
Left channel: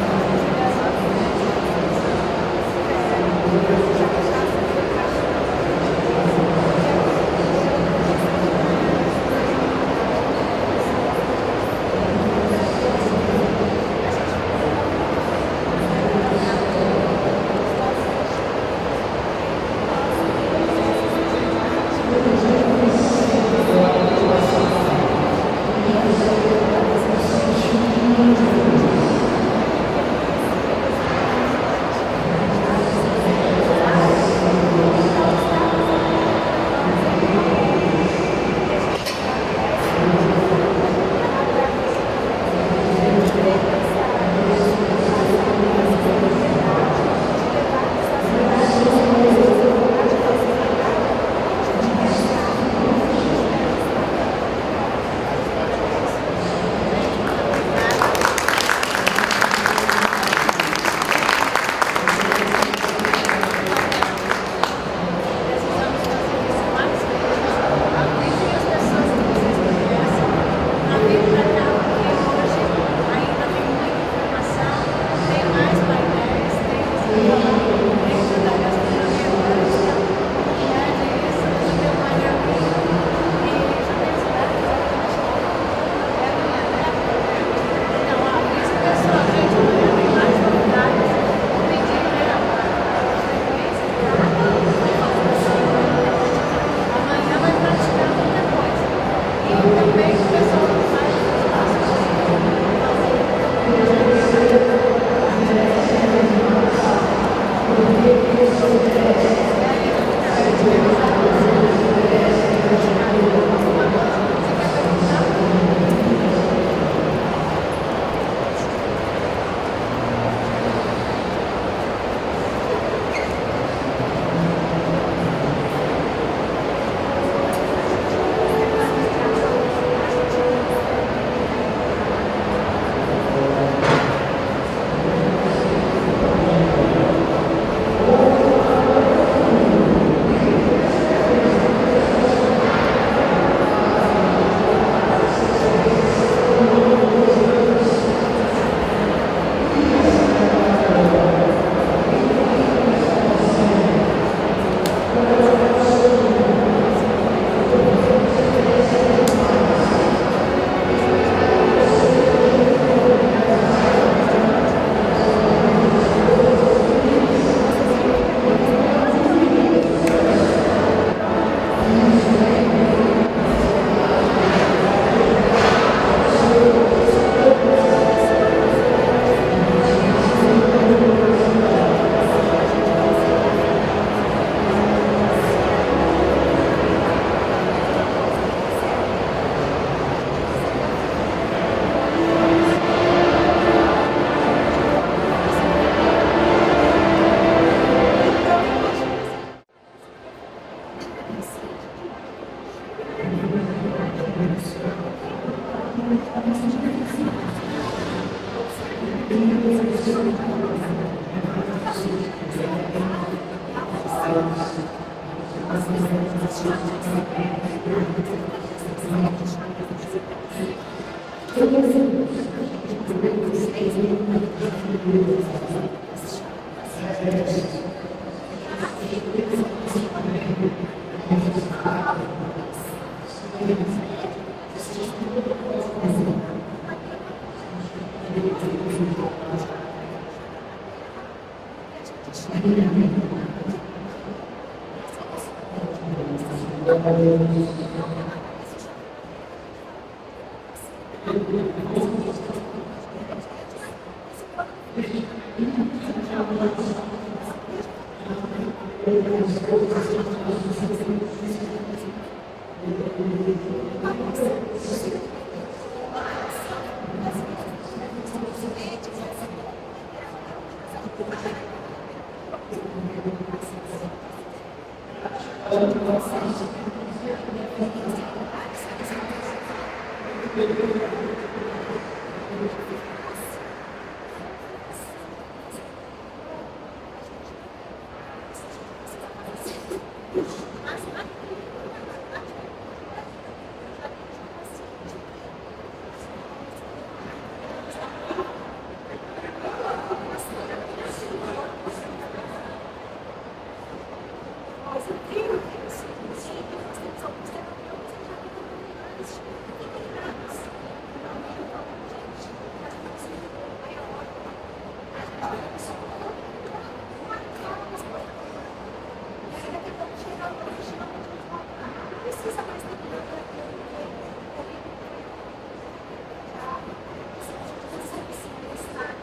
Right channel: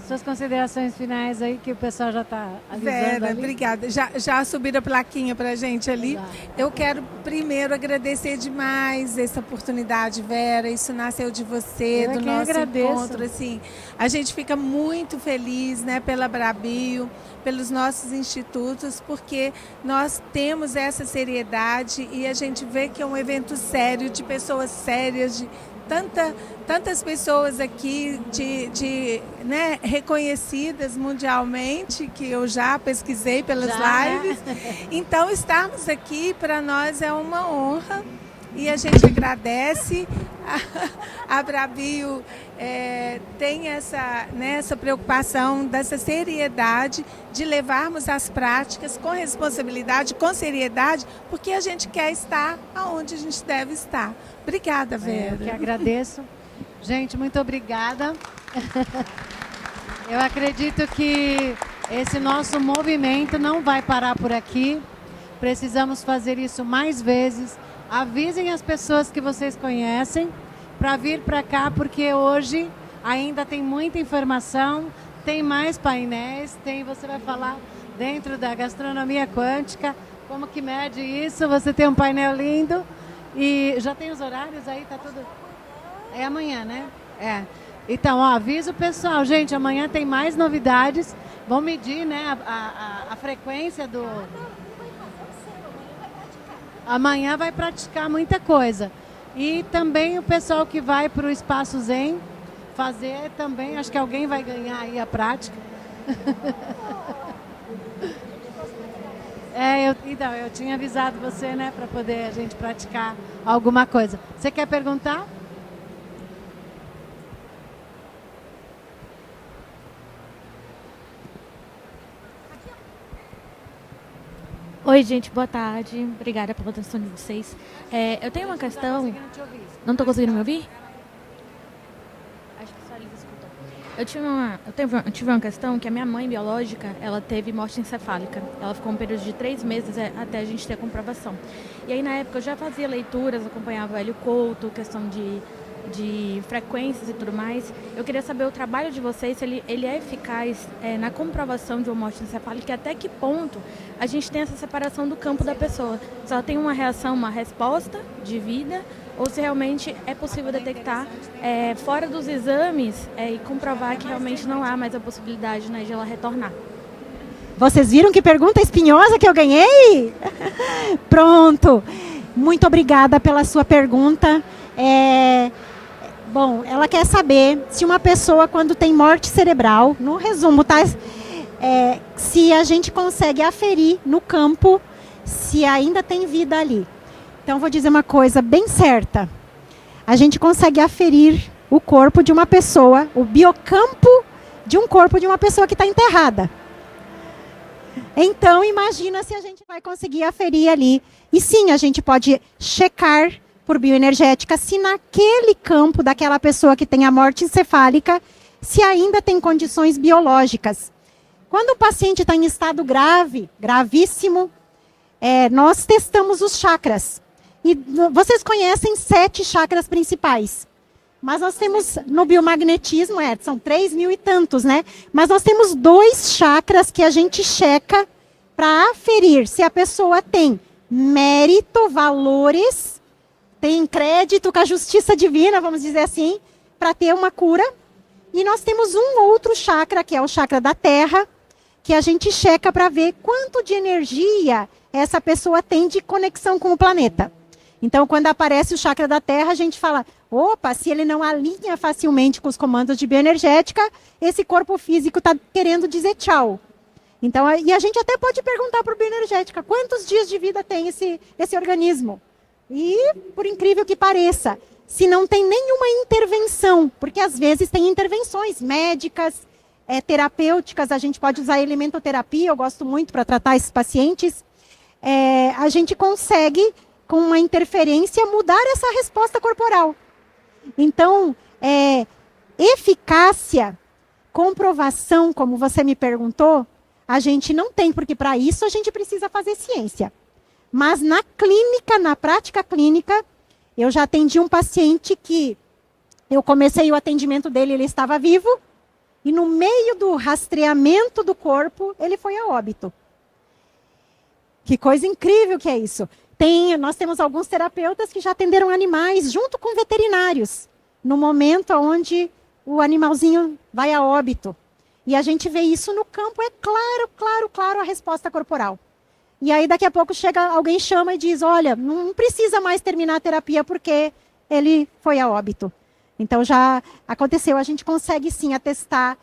Suas considerações finais aí, que a senhora fala. Obrigada. Já subiram a plaquinha para a gente ali. Eu quero primeiro agradecer demais essa oportunidade, Vera, isso nasceu de você, do nosso encontro. Assim. A gente fica muito feliz, né, pela Abrabio, pelos nossos institutos, porque nós temos essa seriedade e a gente vê que é um evento sério, de pessoas sérias, tantas pessoas aqui de Você tem um painel lindo e já tem esse horário? É amanhã, né? É. Então, ó, avisa o pessoal, gente, amanhã tem mais novidades. Vamos medir, né, a frequência. Amanhã vai praticar muita coisa. E também o pessoal que vai para o espaço Zen fazer também, acho que alguém vai ter prática. Eu tinha avisado você, praticar alguma coisa. Você quer perguntar? Oi, gente, boa tarde. Obrigada pela atenção de vocês. Eu tenho uma questão. Não estou conseguindo ouvir? Eu tive uma questão que me oncológica. Eu tenho consciência falando. 3 meses Vocês viram que pergunta espinhosa que eu ganhei? Pronto. Muito obrigada pela sua pergunta. Bom, ela quer saber se uma pessoa, quando tem morte cerebral, no resumo, tá? Se a gente consegue aferir no campo se ainda tem vida ali. Então, vou dizer uma coisa bem certa. A gente consegue aferir o corpo de uma pessoa, o biocampo de um corpo de uma pessoa que está enterrada. Então, imagina se a gente vai conseguir aferir ali. E sim, a gente pode checar por bioenergética se naquele campo daquela pessoa que tem a morte encefálica, se ainda tem condições biológicas. Quando o paciente está em estado grave, gravíssimo, nós testamos os chakras. E vocês conhecem 7 chakras principais. Mas nós temos no biomagnetismo, são 3.000 e tantos, né? Mas nós temos 2 chakras que a gente checa para aferir se a pessoa tem mérito, valores, tem crédito com a justiça divina, vamos dizer assim, para ter uma cura. E nós temos um outro chakra, que é o chakra da terra, que a gente checa para ver quanto de energia essa pessoa tem de conexão com o planeta. Então, quando aparece o chakra da terra, a gente fala, opa, se ele não alinha facilmente com os comandos de bioenergética, esse corpo físico está querendo dizer tchau. Então, e a gente até pode perguntar para o bioenergética, quantos dias de vida tem esse organismo? E, por incrível que pareça, se não tem nenhuma intervenção, porque às vezes tem intervenções médicas, terapêuticas, a gente pode usar elementoterapia, eu gosto muito para tratar esses pacientes, a gente consegue, com uma interferência, mudar essa resposta corporal. Então, eficácia, comprovação, como você me perguntou, a gente não tem, porque para isso a gente precisa fazer ciência. Mas na clínica, na prática clínica, eu já atendi um paciente que eu comecei o atendimento dele, ele estava vivo, e no meio do rastreamento do corpo, ele foi a óbito. Que coisa incrível que é isso. Nós temos alguns terapeutas que já atenderam animais junto com veterinários, no momento onde o animalzinho vai a óbito. E a gente vê isso no campo, é claro a resposta corporal. E aí daqui a pouco alguém chama e diz, olha, não precisa mais terminar a terapia porque ele foi a óbito. Então já aconteceu, a gente consegue sim atestar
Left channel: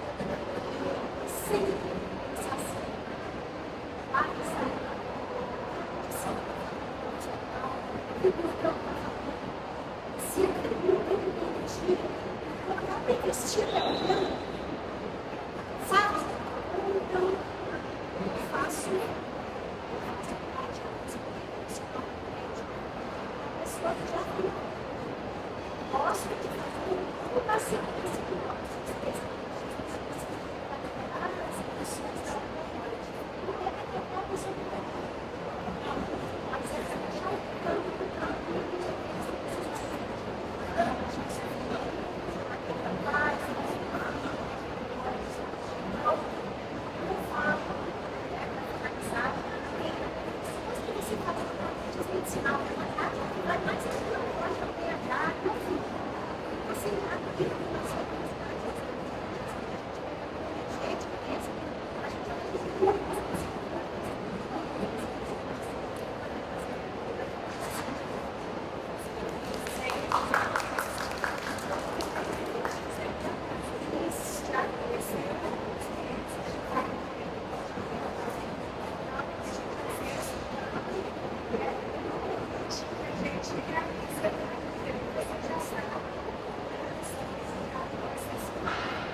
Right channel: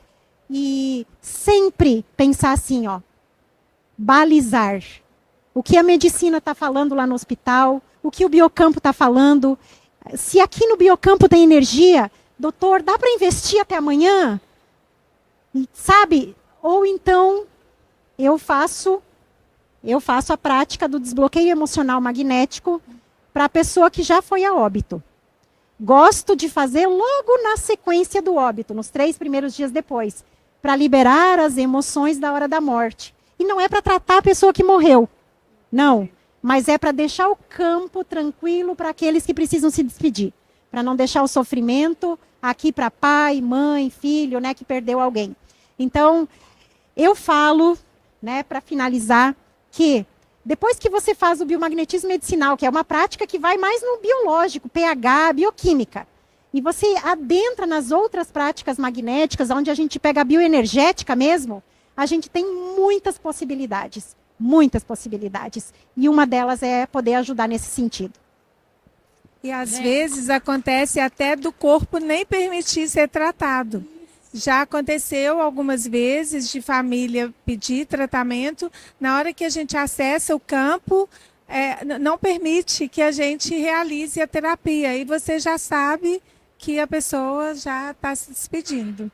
e sempre pensar assim, balizar. O que a medicina está falando lá no hospital, o que o biocampo está falando. Se aqui no biocampo tem energia, doutor, dá para investir até amanhã? Sabe? Ou então eu faço a prática do desbloqueio emocional magnético para a pessoa que já foi a óbito. Gosto de fazer logo na sequência do óbito, nos 3 primeiros dias depois, para liberar as emoções da hora da morte. E não é para tratar a pessoa que morreu. Não, mas é para deixar o campo tranquilo para aqueles que precisam se despedir. Para não deixar o sofrimento aqui para pai, mãe, filho, né, que perdeu alguém. Então, eu falo, né, para finalizar, que Depois que você faz o biomagnetismo medicinal, que é uma prática que vai mais no biológico, pH, bioquímica, e você adentra nas outras práticas magnéticas, onde a gente pega a bioenergética mesmo, a gente tem muitas possibilidades. Muitas possibilidades. E uma delas é poder ajudar nesse sentido. E às vezes acontece até do corpo nem permitir ser tratado. Já aconteceu algumas vezes de família pedir tratamento, na hora que a gente acessa o campo, não permite que a gente realize a terapia. E você já sabe que a pessoa já está se despedindo.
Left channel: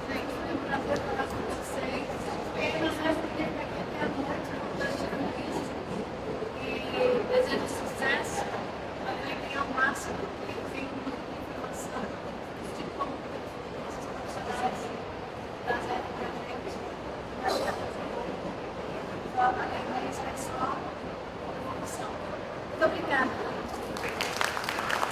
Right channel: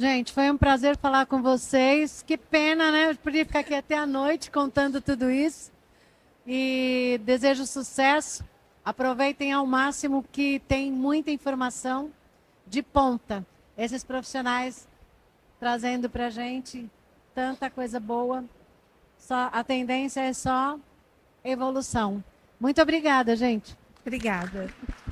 Gente, foi um prazer falar com vocês. Que pena, né? Eu podia ficar aqui até a noite contando tudo isso. E desejo sucesso. Aproveitem ao máximo que tem muita informação de ponta. Esses profissionais trazendo pra gente tanta coisa boa. A tendência é só evolução. Muito obrigada, gente. Obrigada.